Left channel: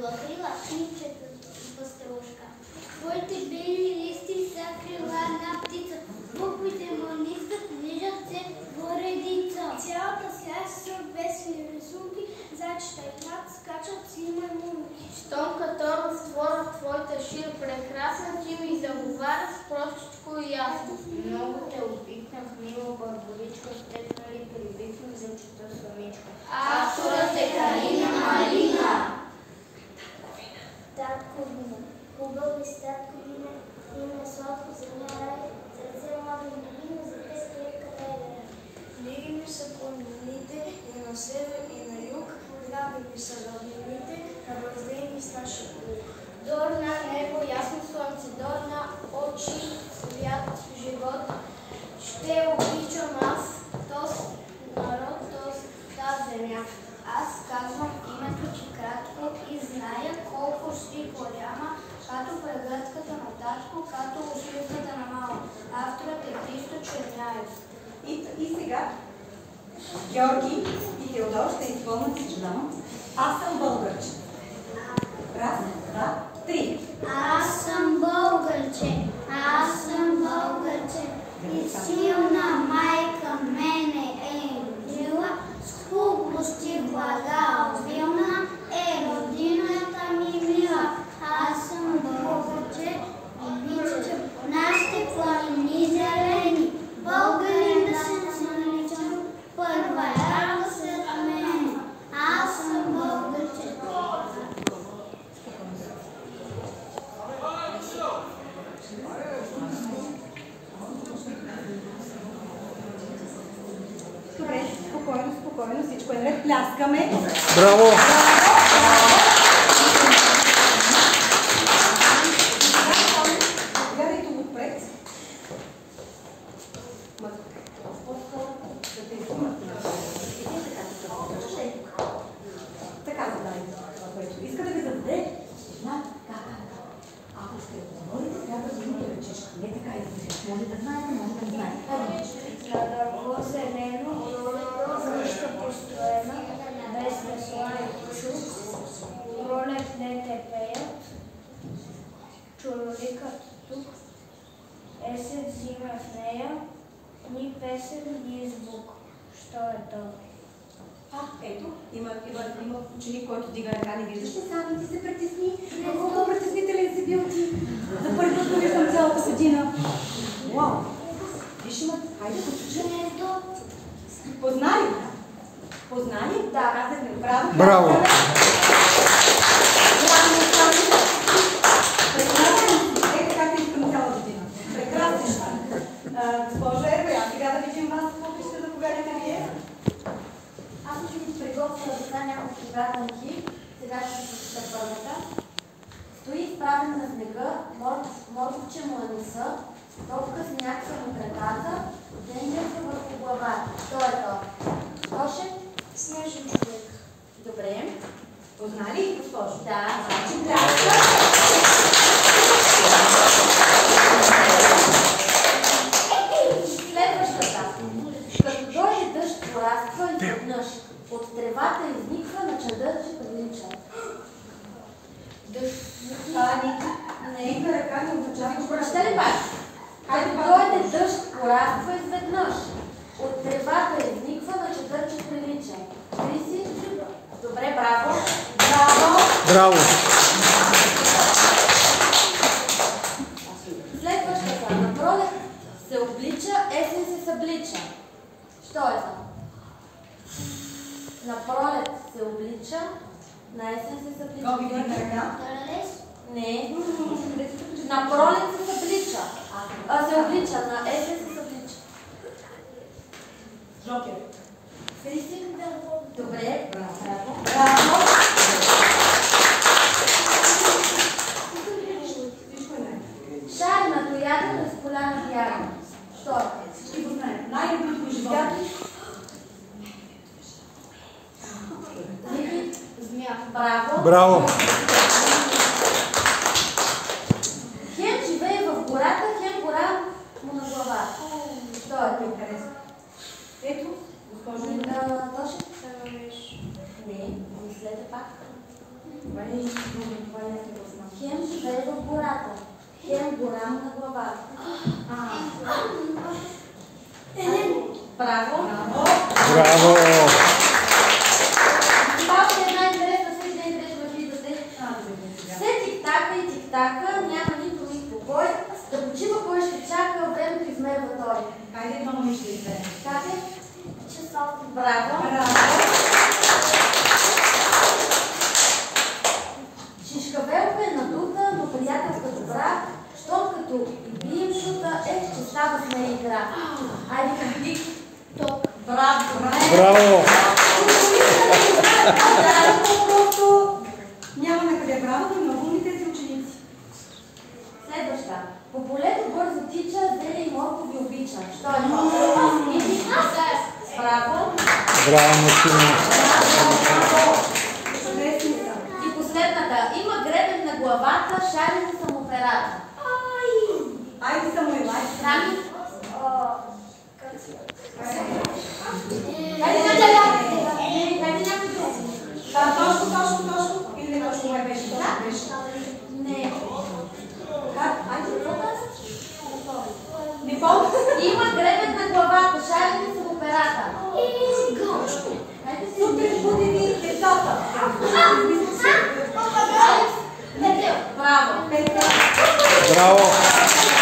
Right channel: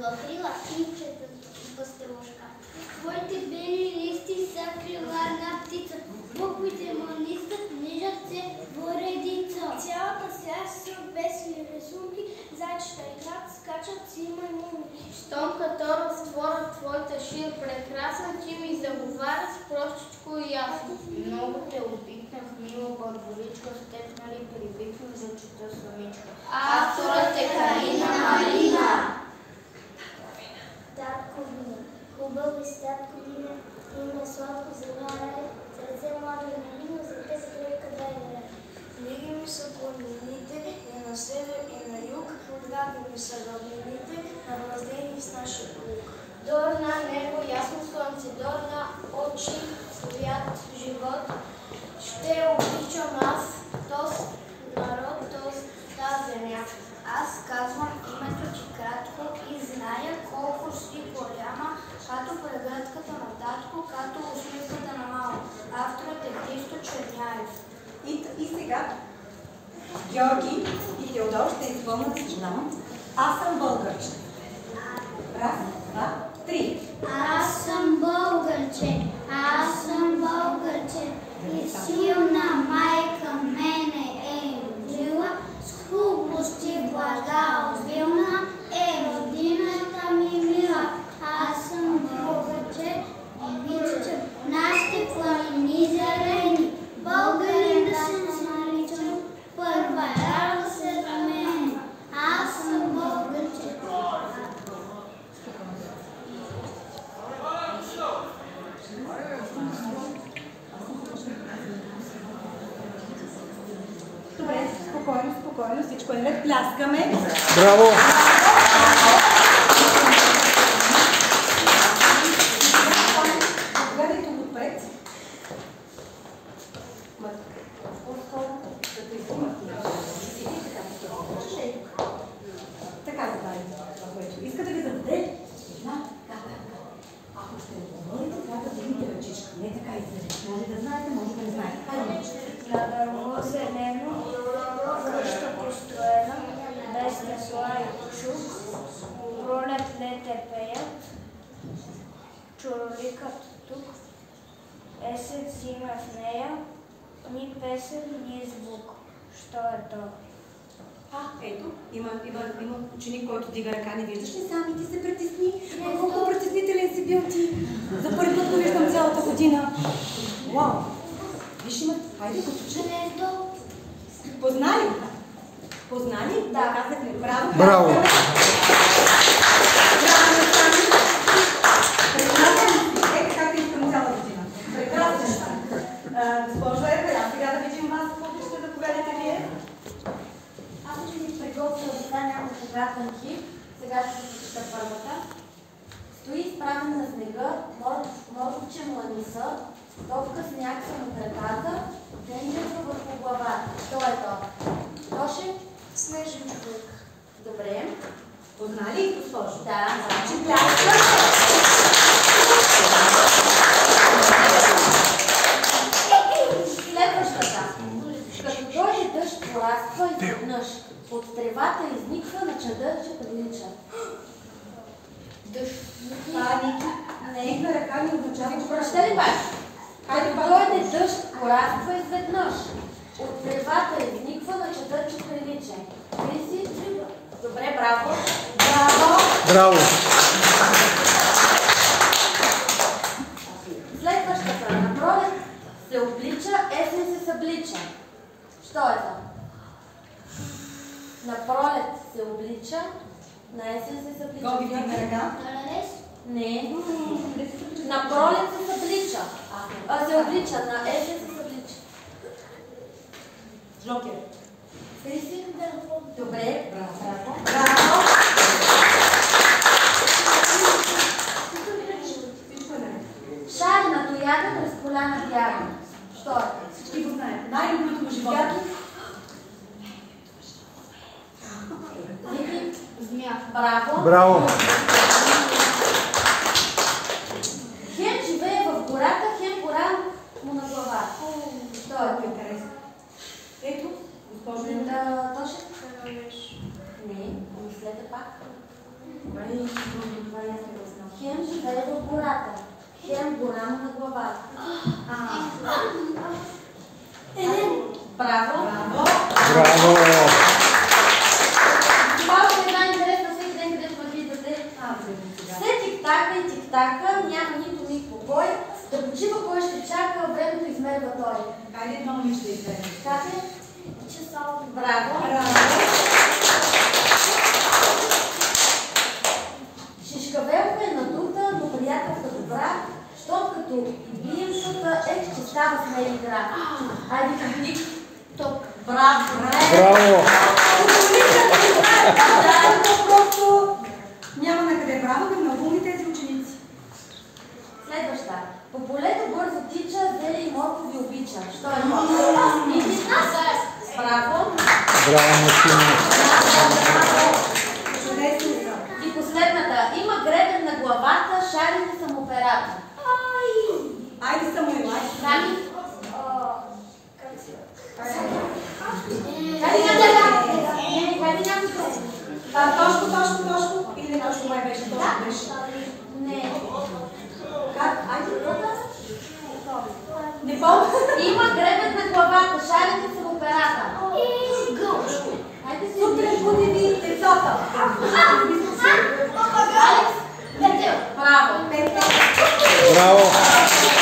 белокрила птичета паструшка. Твоите бели листи са крила на птица. Буквите му нискат, нижат се в редица. Цялата свят са весели рисунки, зайчета играт, скачат си маймунки. Щом като разтворят твоята шир прекрасен, ти ми заговаряш простичко и ясно. Много те обикнах, мила Барбаричка, с теб нали прибихнах да чета самичка. Авторът е Калина Малина. Татковина, хубави статковина, има сладко земя рай, сърце младо и малина, за те скрепка дай да рай. Книги ми са планините, и на север, и на юг, драги ми са равнините, набраздени с нашия лук. Дорна небо, ясно слънце, дорна очи, свят, живот. Ще обичам аз този народ, тази земя. Аз казвам името ти кратко и зная колко си голяма, като прегръдката на татко, като усмивката на мамо. Авторът е Христо Черняев. И сега Георги и Теодор ще изпълнят съждам. Аз съм българче. Раз, два, три. Аз съм българче, аз съм българче, и силна майка мене е родила, с хубост и блага обилна е родината ми мила. Аз съм българче, обичам нашите планини зелени, българин да се наричам, първа рана след мене. Аз съм българче. Добре, спокойно, спокойно, всичко е наред. Пляскаме. Браво! Гледайте отпред. Така задайте това, което искате да зададе. Ако ще говорите, трябва да видите ръчичка. Не така излежите. Може да знаете, може да не знаете. На дърво зелено, къща построена, без весла и чук, пролет лете пеят, чуроликат тук, есен зима в нея, ни песен, ни звук. Що е то? Ето, има ученик, който дига ръка, не виждаш ли само ти се притесни? Колко притеснителен си бил ти? За първи път го виждам цялата година. Уау! Виж има, хайде го чуем. Познали? Познали? Да, казахме. Браво! Браво! Ето както искам цяла година. Прекрасно. Госпожо Ербея, сега да видим вас, колко ще заповядате вие. Аз ще ви приготвя да стане няколко загадки. Сега ще ви чета първата. Стои изправен на снега, морковче му е носа, топка сняг са му краката, земя са върху главата. Що е то? Тоше? Снежен човек. Добре. Познали, госпожо? Да, значи пляска. Следващата. Като дойде дъжд, пораства изведнъж. От тревата изниква на чадърче прилича. Дъжд. Това не е на ръка, не означава. Прочете ли пак? Като дойде дъжд, пораства изведнъж. От тревата изниква на чадърче прилича. Мисли? Добре, браво. Браво. Браво! Следващата. На пролет се облича, есен се съблича. Що е това? На пролет се облича, на есен се съблича. Гоби на ръка. Не. На пролет се съблича. Се облича, на есен се съблича. Жокер. Добре. Браво. Браво. Шар на тояден, разполяна бяга. Що е? Всички го знаят. Най-доброто го живота. Змия. Браво. Браво! Хем живее в гората, хем гора му на глава. Що е? Ето, госпожо. Тоше? Не, следва пак. Добре, това е интересно. Хем живее в гората, хем гора му на главата. Браво! Браво! Това е една интересна всеки ден, където ме идвате. Все тик-така и тик-така, няма нито ми покой. Да почива кой ще чака, времето измерва той. Хайде едно момиче да изберем. Как е? Часовник. Браво! Шишкавелка е надута, но приятелка добра, щом като и бием шута, ще става с нея игра. Хайде към топ. Браво! Браво! Просто няма на къде браво, но много умни тези ученици. Следваща. По полето бързо тича, зеле и моркови обича. Що е моркови? Браво! Браво, Мартина! Чудесни са. И последната. Има гребен на главата, шарите са му перата. Айде Самуил, айде. Сами? Точно. Или не точно май беше, точно беше. Не. Как? Айде, Не помня. Има гребен на главата, шарите са му перата. Хайде си. сутрин будили децата. Браво. Браво!